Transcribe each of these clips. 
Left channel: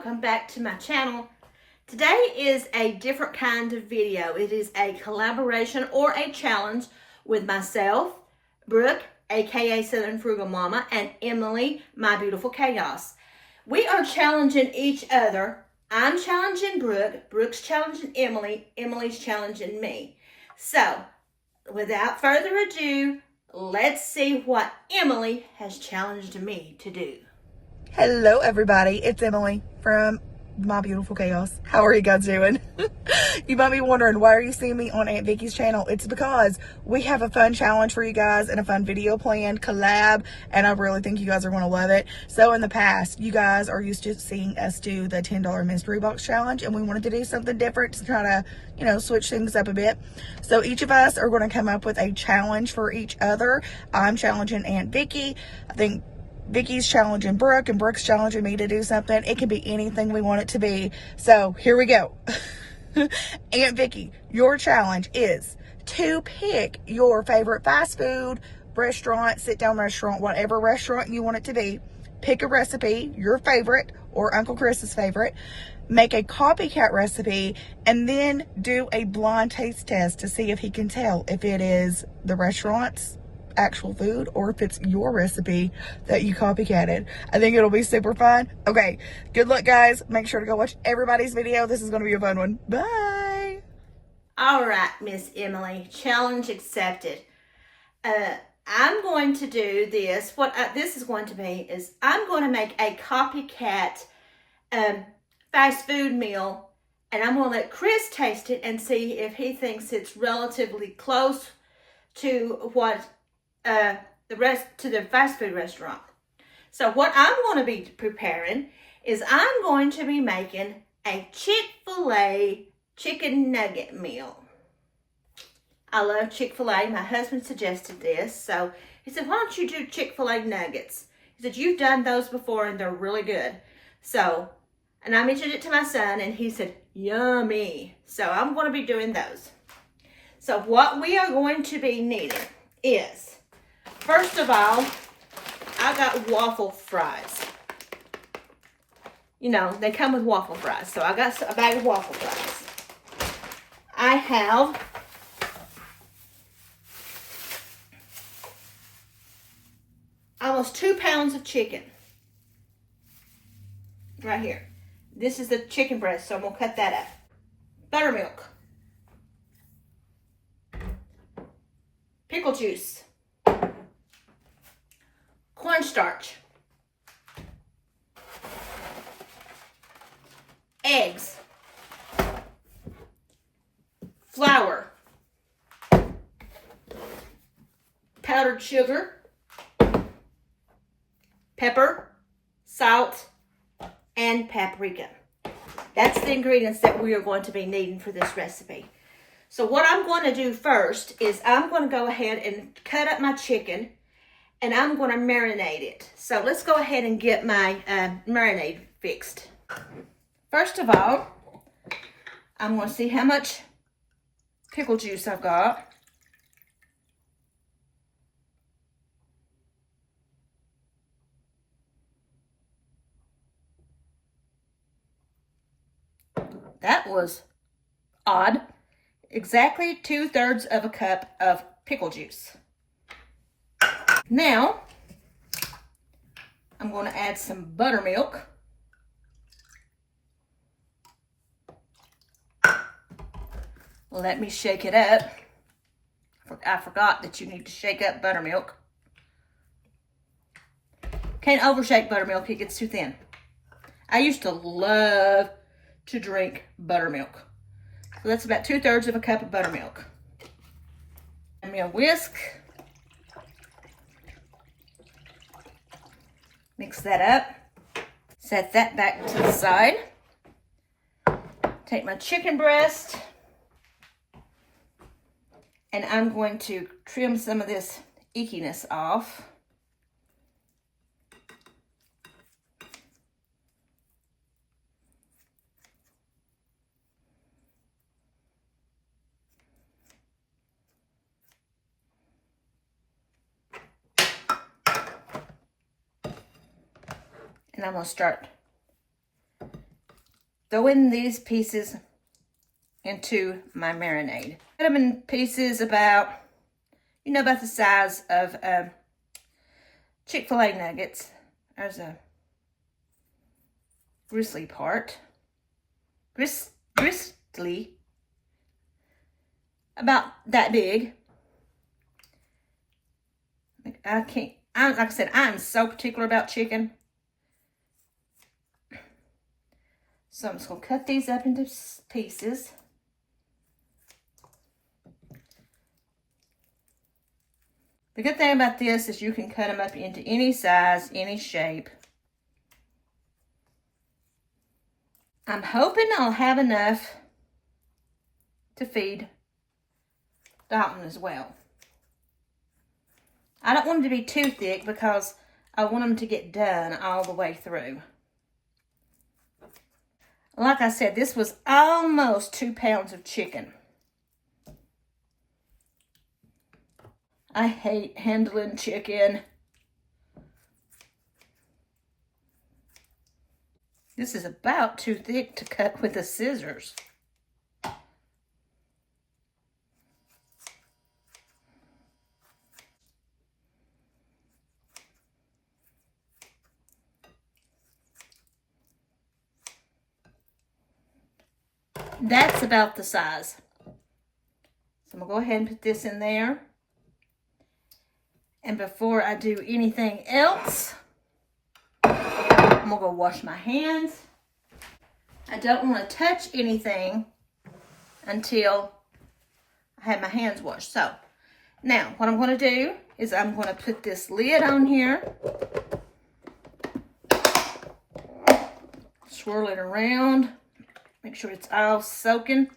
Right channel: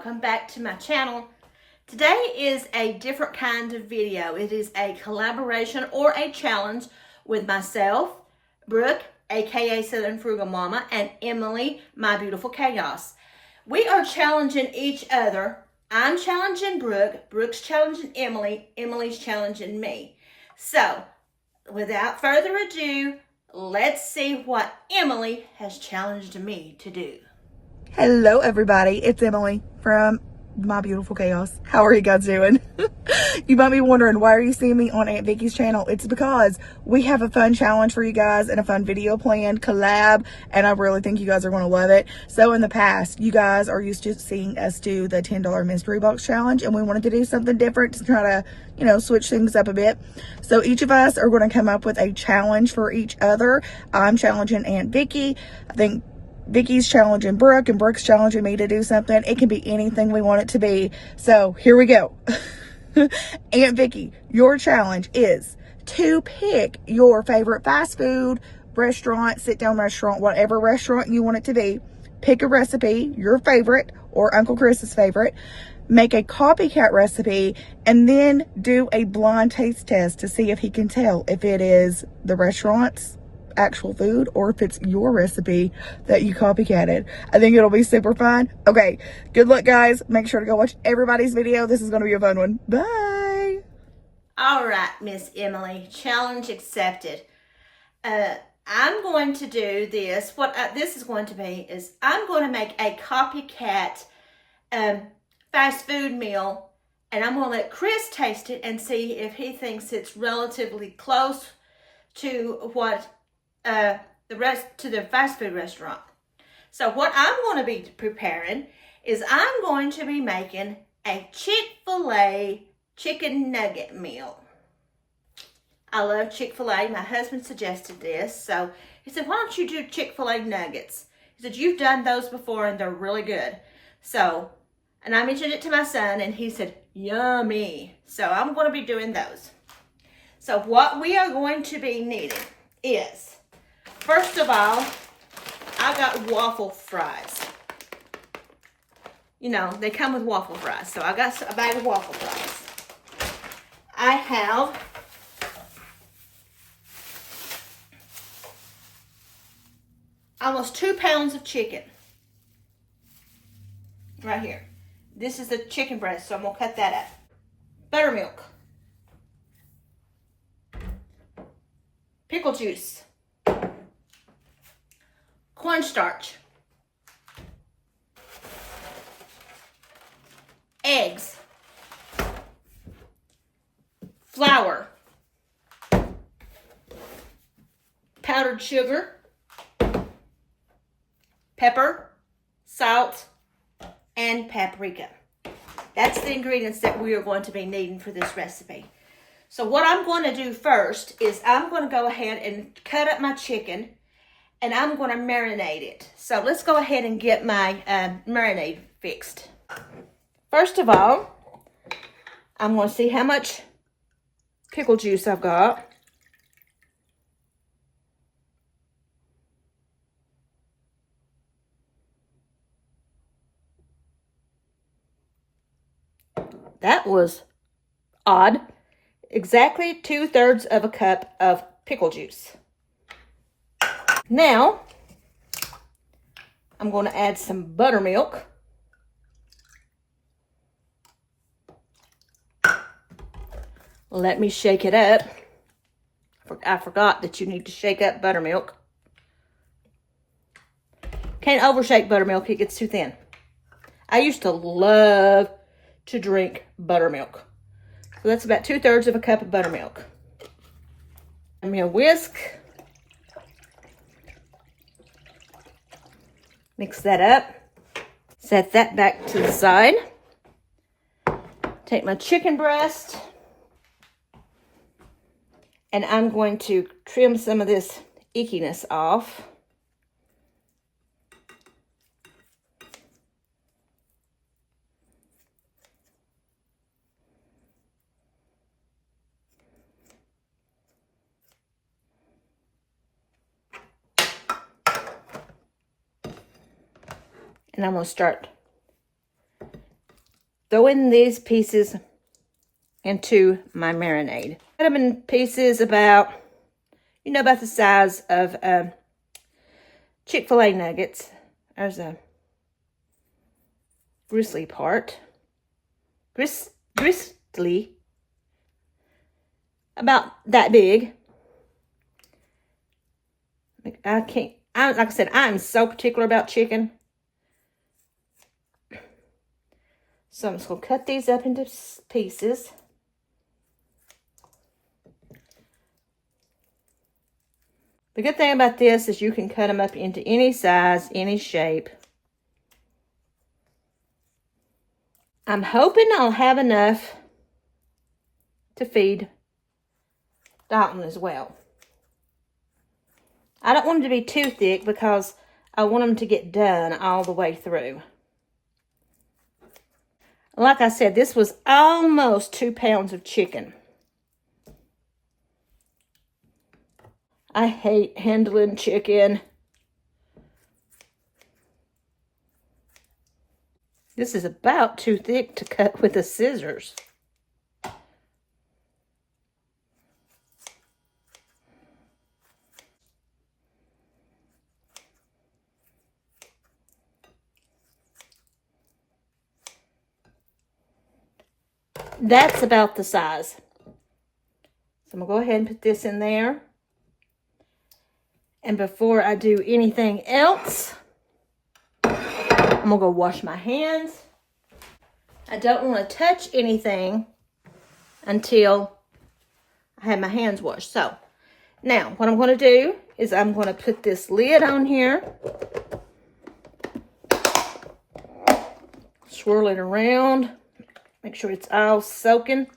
welcome back to my channel. Today is a different kind of video. It is a collaboration or a challenge with myself, Brooke, aka Southern Frugal Mama, and Emily, my beautiful chaos. We are challenging each other. I'm challenging Brooke, Brooke's challenging Emily, Emily's challenging me. So, without further ado, let's see what Emily has challenged me to do. Hello everybody, it's Emily from My Beautiful Chaos. How are you guys doing? You might be wondering, why are you seeing me on Aunt Vicky's channel? It's because we have a fun challenge for you guys and a fun video planned, collab, and I really think you guys are going to love it. So in the past, you guys are used to seeing us do the $10 mystery box challenge, and we wanted to do something different to try to, switch things up a bit. So each of us are going to come up with a challenge for each other. I'm challenging Aunt Vicky. I think Vicky's challenging Brooke, and Brooke's challenging me to do something. It can be anything we want it to be. So here we go. Aunt Vicky, your challenge is to pick your favorite fast food restaurant, sit-down restaurant, whatever restaurant you want it to be. Pick a recipe, your favorite or Uncle Chris's favorite. Make a copycat recipe, and then do a blind taste test to see if he can tell if it is the restaurant's actual food or if it's your recipe that you copycatted. I think it'll be super fun. Okay, good luck guys. Make sure to go watch everybody's video. This is going to be a fun one. Bye. All right, Miss Emily, challenge accepted. I'm going to do this. What this is going to be is I'm going to make a copycat fast food meal, and I'm going to let Chris taste it and see if he thinks it's relatively close to what the fast food restaurant. So what I'm going to be preparing is I'm going to be making a Chick-fil-A chicken nugget meal. I love Chick-fil-A. My husband suggested this. So he said, why don't you do Chick-fil-A nuggets? He said, you've done those before and they're really good. So, and I mentioned it to my son and he said, yummy. So I'm going to be doing those. So what we are going to be needing is, first of all, I got waffle fries. They come with waffle fries. So I got a bag of waffle fries. I have almost 2 pounds of chicken. Right here. This is the chicken breast, so I'm going to cut that up. Buttermilk. Pickle juice. Cornstarch. Eggs. Flour. Powdered sugar. Pepper. Salt. And paprika. That's the ingredients that we are going to be needing for this recipe. So what I'm going to do first is I'm going to go ahead and cut up my chicken, and I'm going to marinate it. So let's go ahead and get my marinade fixed. First of all, I'm going to see how much pickle juice I've got. That was odd. Exactly 2/3 of a cup of pickle juice. Now, I'm going to add some buttermilk. Let me shake it up. I forgot that you need to shake up buttermilk. Can't overshake buttermilk, it gets too thin. I used to love to drink buttermilk. So that's about 2/3 of a cup of buttermilk. I'm going to whisk. Mix that up. Set that back to the side. Take my chicken breast. And I'm going to trim some of this ickiness off. And I'm going to start throwing these pieces into my marinade. Cut them in pieces about, you know, about the size of Chick-fil-A nuggets. There's a gristly part. Gristly. About that big. Like I said, I'm so particular about chicken. So I'm just going to cut these up into pieces. The good thing about this is you can cut them up into any size, any shape. I'm hoping I'll have enough to feed Dalton as well. I don't want them to be too thick because I want them to get done all the way through. Like I said, this was almost 2 pounds of chicken. I hate handling chicken. This is about too thick to cut with the scissors. That's about the size. So I'm going to go ahead and put this in there. And before I do anything else, I'm going to go wash my hands. I don't want to touch anything until I have my hands washed. So now what I'm going to do is I'm going to put this lid on here. Swirl it around. Make sure it's all soaking.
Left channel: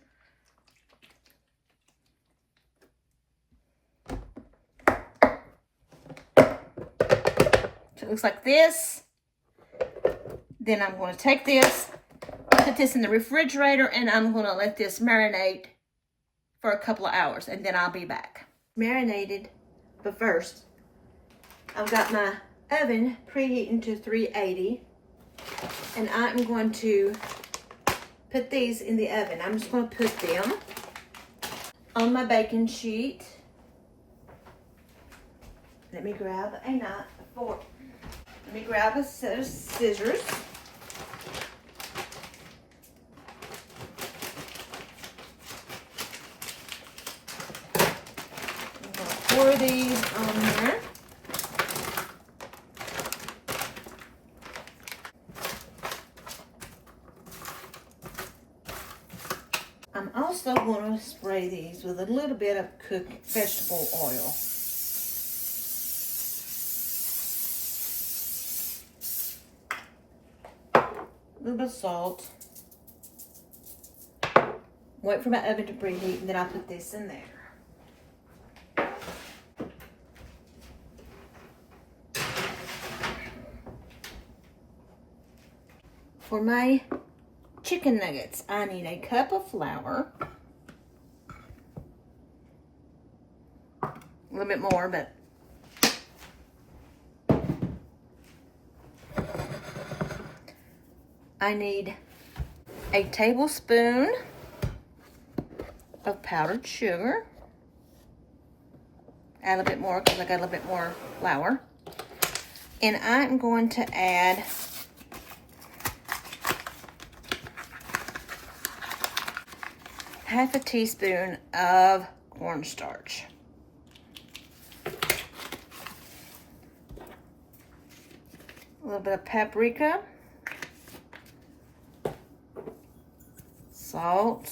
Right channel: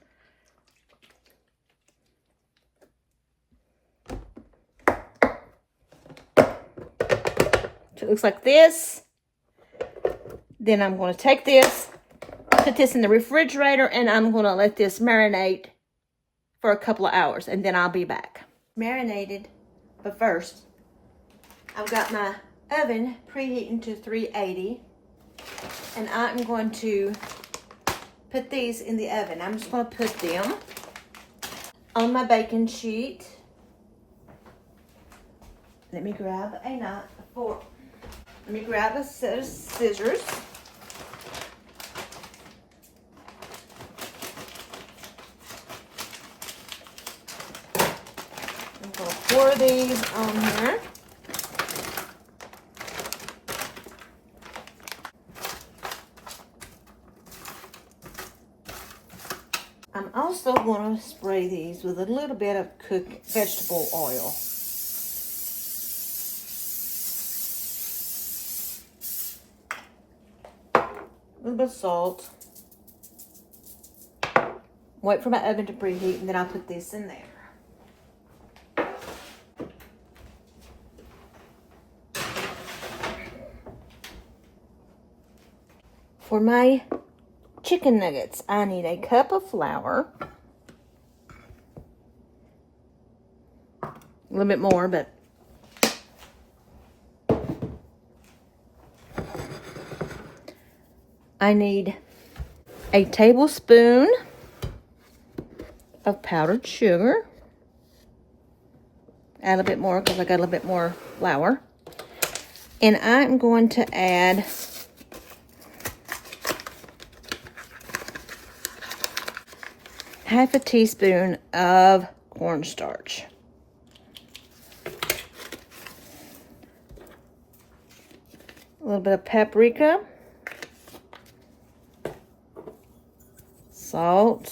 So it looks like this. Then I'm going to take this, put this in the refrigerator, and I'm going to let this marinate for a couple of hours, and then I'll be back. Marinated, but first, I've got my oven preheating to 380, and I'm going to put these in the oven. I'm just going to put them on my baking sheet. Let me grab a fork. Let me grab a set of scissors. I'm going to pour these on here. I'm also going to spray these with a little bit of cooked vegetable oil. A little bit of salt. Wait for my oven to preheat, and then I'll put this in there. For my chicken nuggets, I need a cup of flour. A little bit more, but I need a tablespoon of powdered sugar. Add a bit more because I got a little bit more flour. And I'm going to add half a teaspoon of cornstarch. A little bit of paprika. Salt.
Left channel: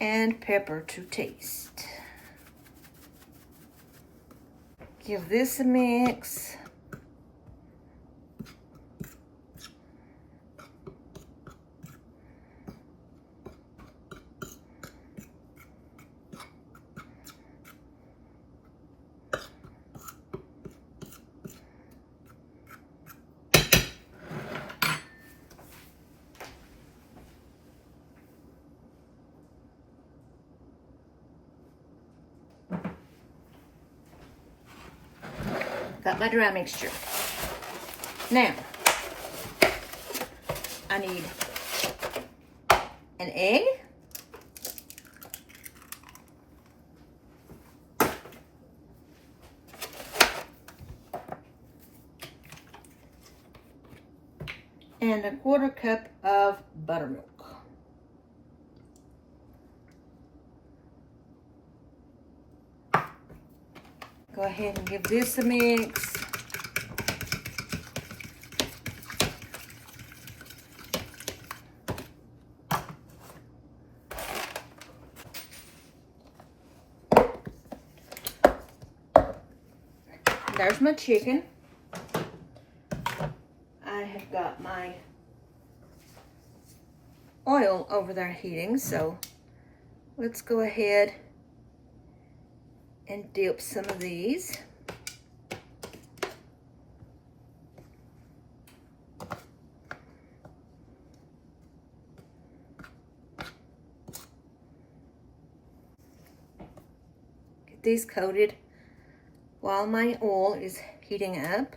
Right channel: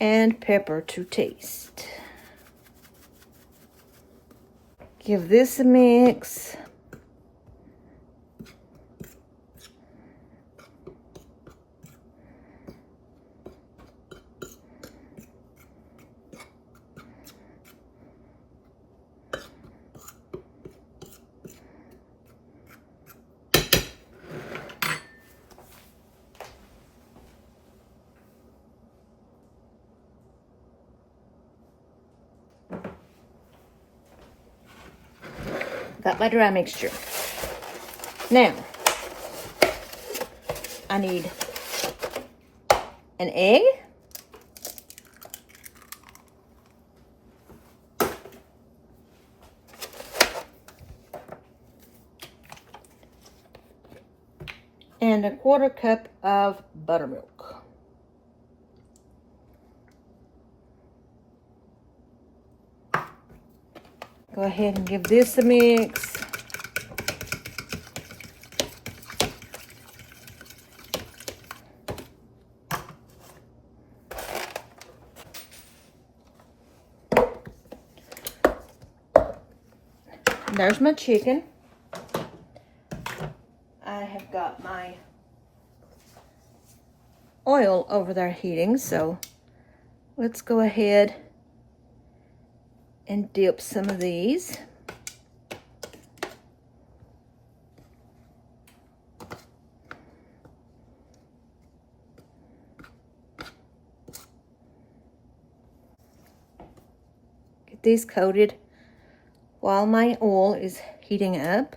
And pepper to taste. Give this a mix. Got my dry mixture. Now, I need an egg. And a 1/4 cup of buttermilk. Go ahead and give this a mix. There's my chicken. I have got my oil over there heating, so let's go ahead and dip some of these. Get these coated while my oil is heating up.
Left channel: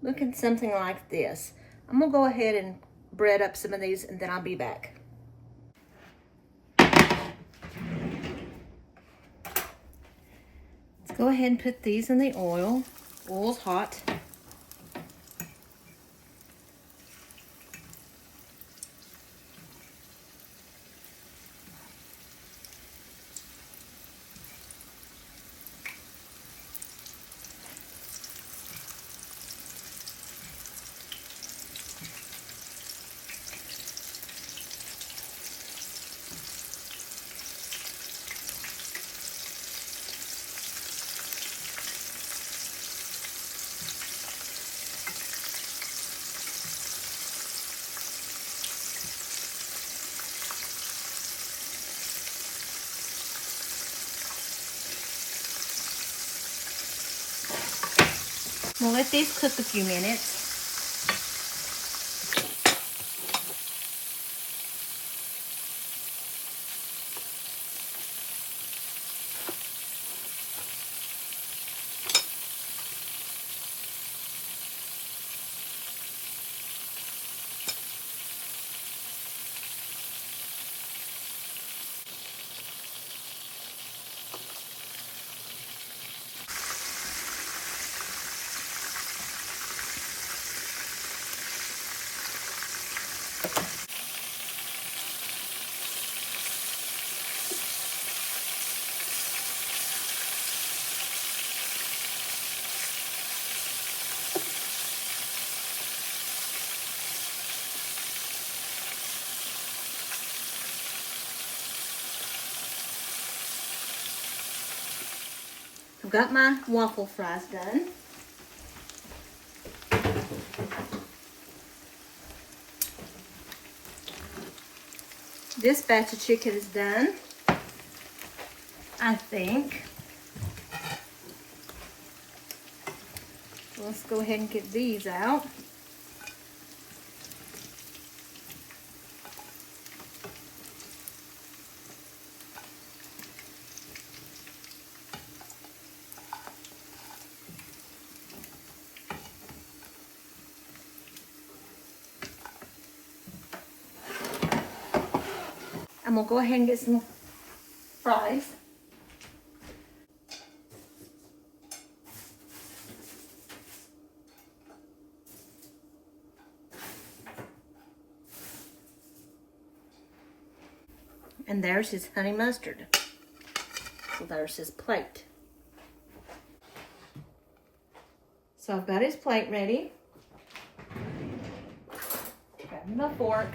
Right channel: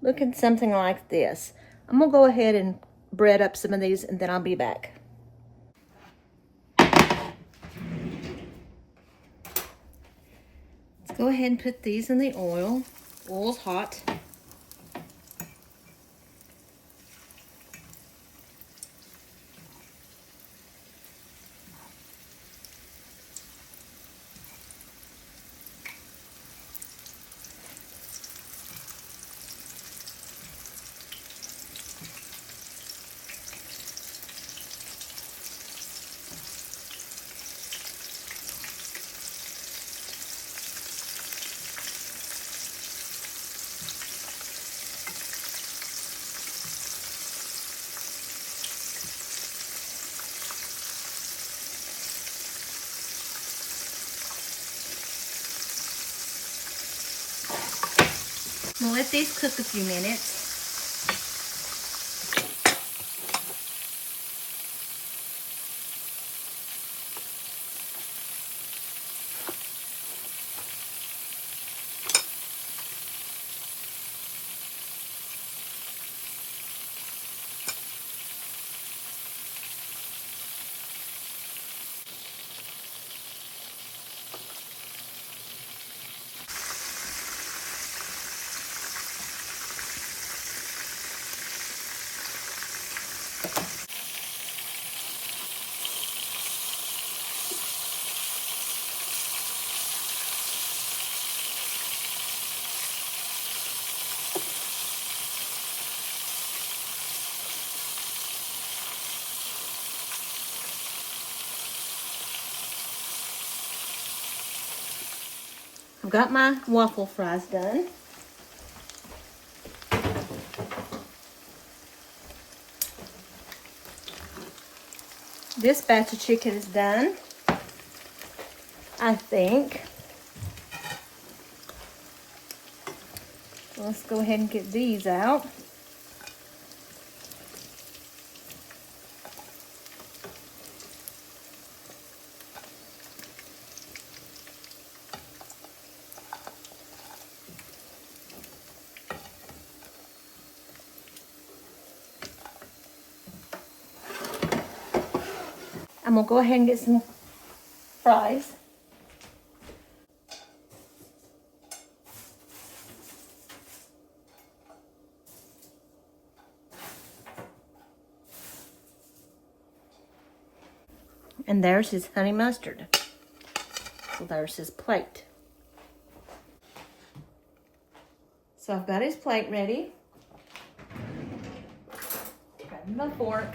Looking something like this. I'm gonna go ahead and bread up some of these and then I'll be back. Let's go ahead and put these in the oil. Oil's hot. We'll let these cook a few minutes. I've got my waffle fries done. This batch of chicken is done, I think. Let's go ahead and get these out. I'm gonna go ahead and get some fries. And there's his honey mustard. So there's his plate. So I've got his plate ready. Grab the my fork.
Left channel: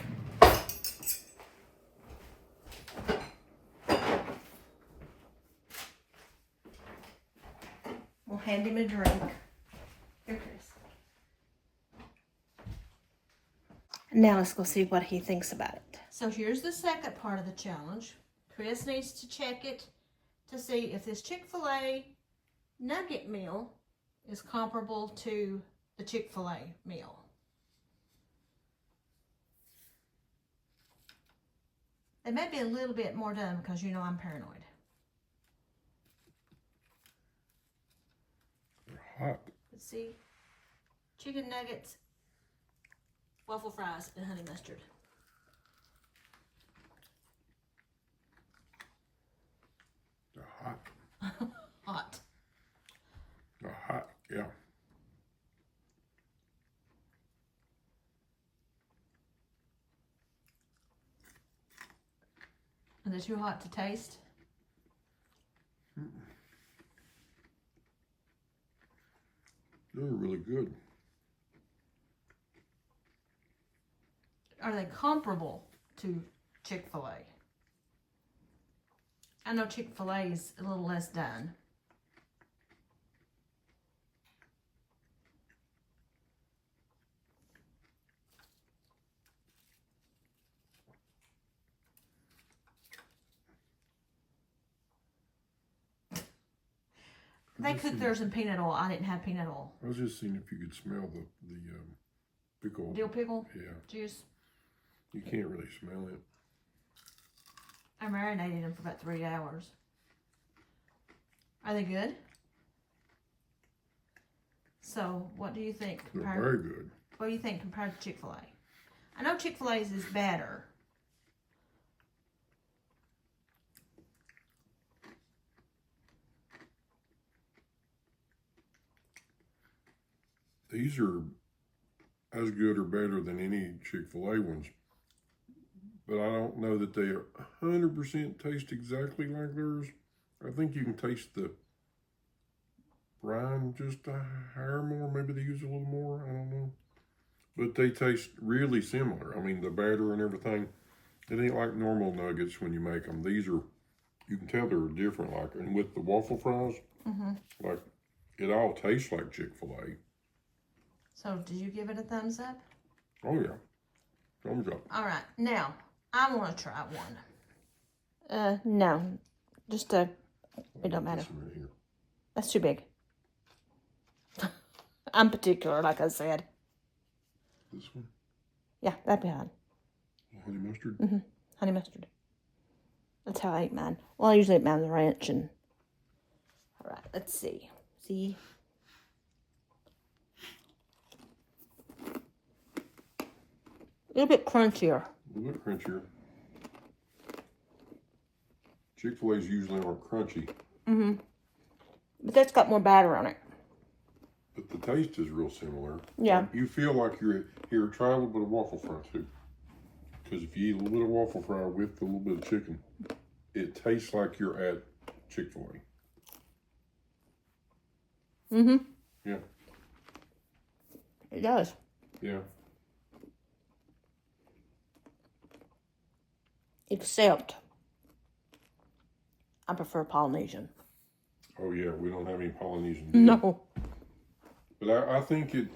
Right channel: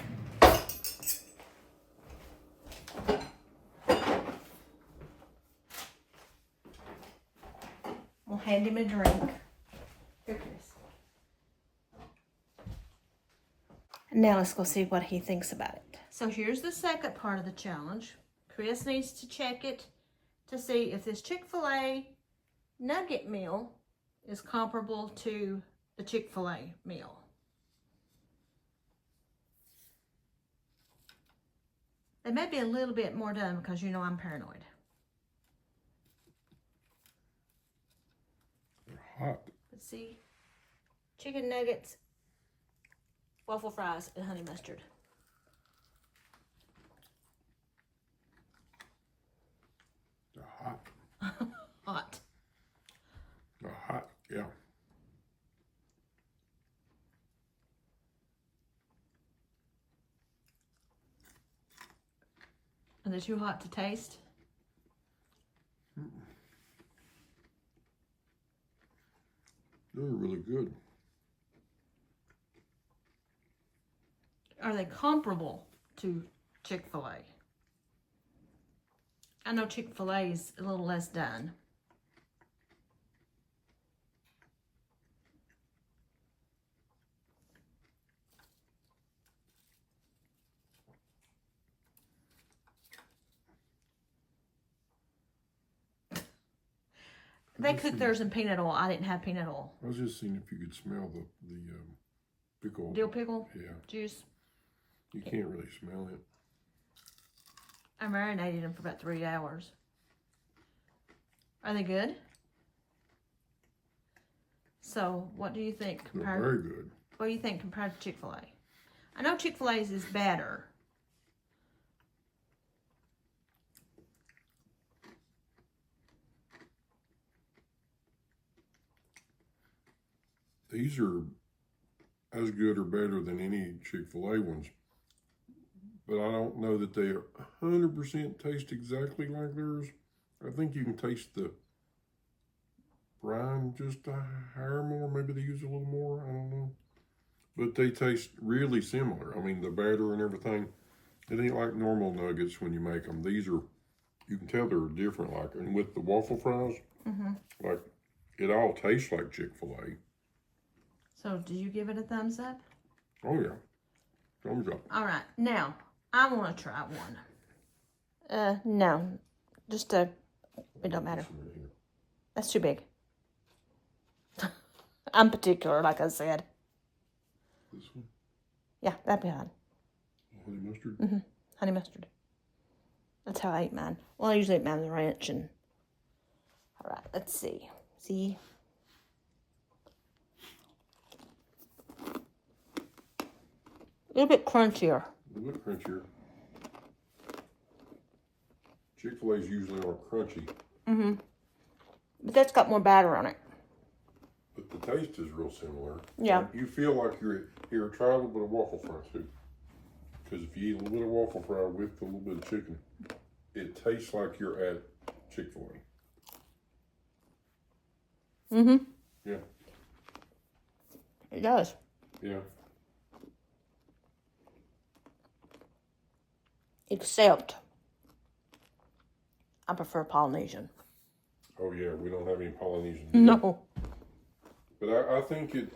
We'll hand him a drink. Here, Chris. Now let's go see what he thinks about it. So here's the second part of the challenge. Chris needs to check it to see if this Chick-fil-A nugget meal is comparable to the Chick-fil-A meal. They may be a little bit more done because you know I'm paranoid. They're hot. Let's see. Chicken nuggets, waffle fries, and honey mustard. They're hot. Hot. They're hot, yeah. Are they too hot to taste? They're really good. Are they comparable to Chick-fil-A? I know Chick-fil-A is a little less done. They cooked theirs in peanut oil. I didn't have peanut oil. I was just seeing if you could smell the pickle. Dill pickle? Yeah. Juice? You can't really smell it. I marinated them for about 3 hours. Are they good? So, what do you think? They're very good. What do you think compared to Chick-fil-A? I know Chick-fil-A's is better. These are as good or better than any Chick-fil-A ones. But I don't know that they 100% taste exactly like theirs. I think you can taste the brine just a hair more. Maybe they use a little more. I don't know. But they taste really similar. I mean, the batter and everything. It ain't like normal nuggets when you make them. These are, you can tell they're different. Like, and with the waffle fries, like, it all tastes like Chick-fil-A. So, did you give it a thumbs up? Oh, yeah. Thumbs up. All right. Now, I want to try one. No. Just it don't matter. That's too big. I'm particular, like I said. This one? Yeah, that'd be fine. Honey mustard? Mm-hmm. Honey mustard. That's how I eat mine. Well, I usually eat mine with ranch and... All right, let's see. See? A little bit crunchier. A little crunchier. Chick-fil-A's usually are crunchy. Mm-hmm. But that's got more batter on it. But the taste is real similar. Yeah. You feel like you're here at travel with a waffle fry too. Because if you eat a little waffle fry with a little bit of chicken, it tastes like you're at Chick-fil-A. Mm-hmm. Yeah. It does. Yeah. Except, I prefer Polynesian. Oh yeah, we don't have any Polynesian. No. But I think it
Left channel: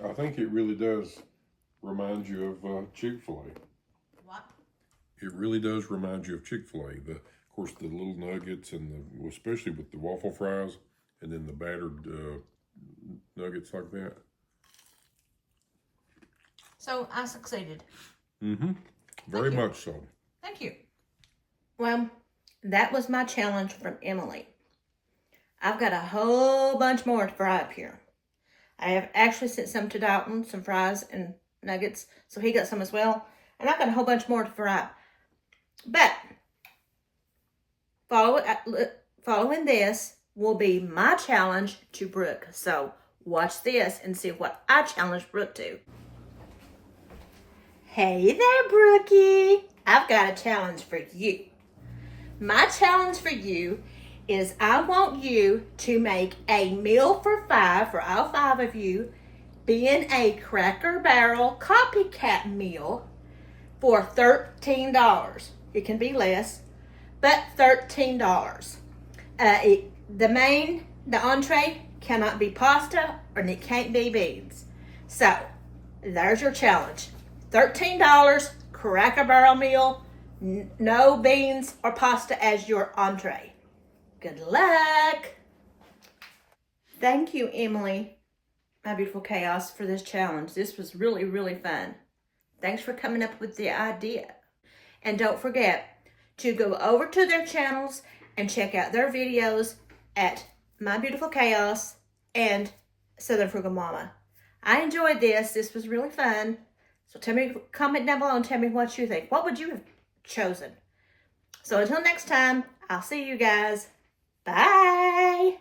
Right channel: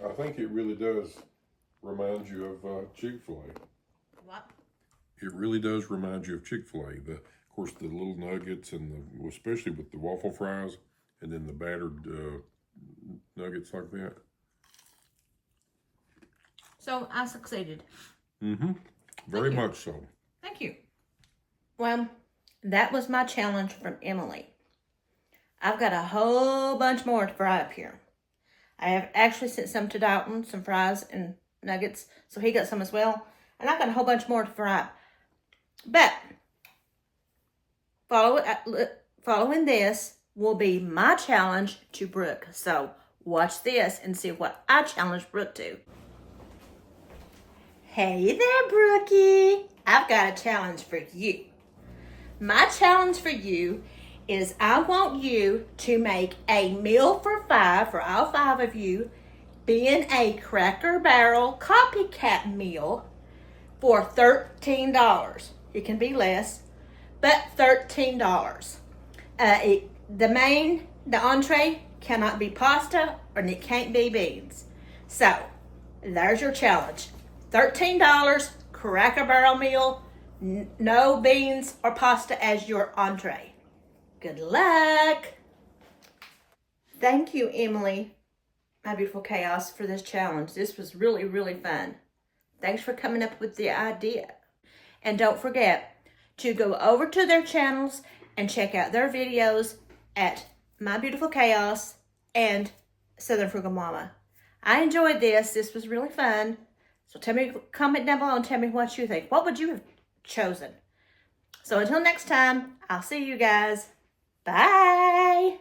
really does remind you of Chick-fil-A. What? It really does remind you of Chick-fil-A. Of course, the little nuggets and especially with the waffle fries, and then the battered nuggets like that. So I succeeded. Mm-hmm. Very much so. Thank you. Well, that was my challenge from Emily. I've got a whole bunch more to fry up here. I have actually sent some to Dalton, some fries and nuggets, so he got some as well. And I've got a whole bunch more to fry up. But following this will be my challenge to Brooke. So watch this and see what I challenge Brooke to. Hey there, Brookie. I've got a challenge for you. My challenge for you is I want you to make a meal for 5, for all 5 of you, being a Cracker Barrel copycat meal for $13. It can be less, but $13. The entree cannot be pasta and it can't be beans. So there's your challenge. $13, Cracker Barrel meal, no beans or pasta as your entree. Good luck. Thank you, Emily, my beautiful chaos, for this challenge. This was really, really fun. Thanks for coming up with the idea. And don't forget to go over to their channels and check out their videos at My Beautiful Chaos and Southern Frugal Mama. I enjoyed this. This was really fun. So tell me, comment down below and tell me what you think. What would you have chosen? So until next time, I'll see you guys. Bye.